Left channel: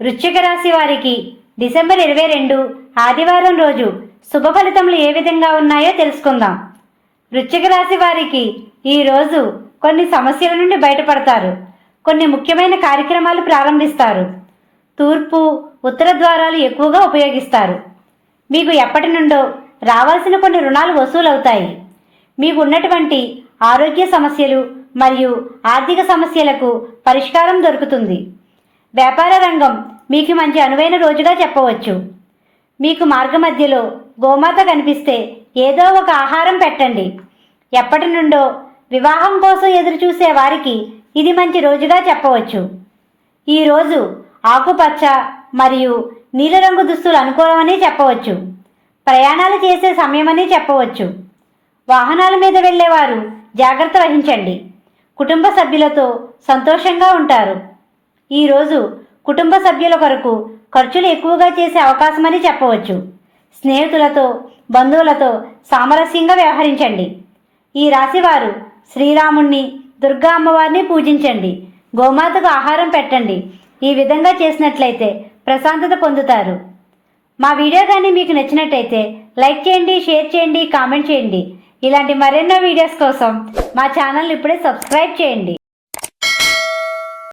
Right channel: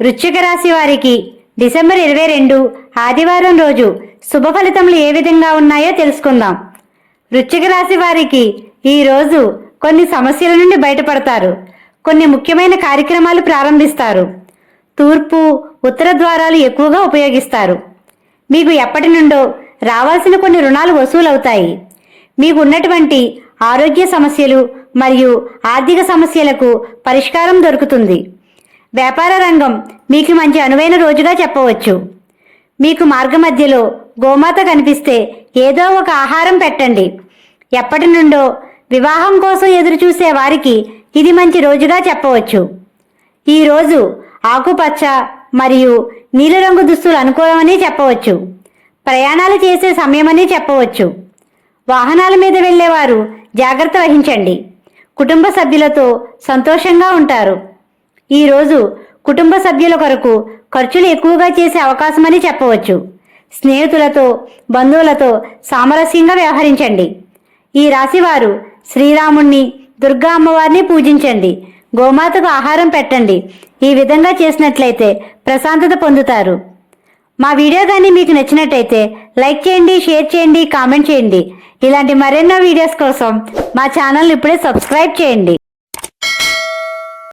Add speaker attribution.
Speaker 1: వృశ్చిక రాశి వారికి డిసెంబర్ ఇరవై రెండు ఆదివారం రోజు శుభ ఫలితములు ఏ విధంగా ఉన్నాయో తెలుసుకుందాం. వృశ్చిక రాశి వారికి ఈ రోజు కొన్ని సమస్యల నుండి బయటపడతారు. కొన్ని ముఖ్యమైన కార్యక్రమాలు ప్రారంభిస్తారు. తూర్పు ఉత్తర ద్వారాలు ఎక్కువగా ఉపయోగిస్తారు. మీకు ఎప్పటి నుండో రావాల్సిన కొన్ని రుణాలు వసూలవుతాయి. మీకు ఉన్నటువంటి ఆరోగ్య సమస్యలు మరియు ఆర్థిక సమస్యలకు పరిష్కారం దొరుకుతుంది. వ్యాపార రంగం మీకు మంచి అనువైన రోజుగా చెప్పవచ్చు. మీకు మార్గమధ్యలో గోమాత కనిపిస్తే ఏదో ఒక ఆహారం పెట్టండి. ఎప్పటి నుండో వివాహం కోసం ఎదురుచూసే వారికి ఇది మంచి రోజుగా చెప్పవచ్చు. ఈ రోజు ఆకుపచ్చ మరియు నీలిరంగు దుస్తులు అనుకూలమని చెప్పవచ్చు. ప్రయాణాలు చేసే సమయమని చెప్పవచ్చు. వాహనాల మీద వెళ్ళేవారు జాగ్రత్త వహించండి. కుటుంబ సభ్యులతో సంతోషంగా ఉంటారు. ఈరోజు కుటుంబ సభ్యుల కొరకు ఖర్చులు ఎక్కువగా చేసే అవకాశమని చెప్పవచ్చు. స్నేహితులతో బంధువులతో సామరస్యంగా వ్యవహరించండి. ఈ రాశివారు శ్రీరాముణ్ణి దుర్గా అమ్మవారిని పూజించండి. గోమాతకు ఆహారం పెట్టండి. ఈ విధంగా చేసినట్లయితే ప్రశాంతత పొందుతారు. మా వీడియో కానీ మీకు నచ్చినట్టయితే లైక్ చేయండి షేర్ చేయండి కామెంట్ చేయండి. ఇలాంటి మరెన్నో వీడియోస్ కోసం మా ఛానల్ ఇప్పుడే సబ్స్క్రైబ్ చేయండి.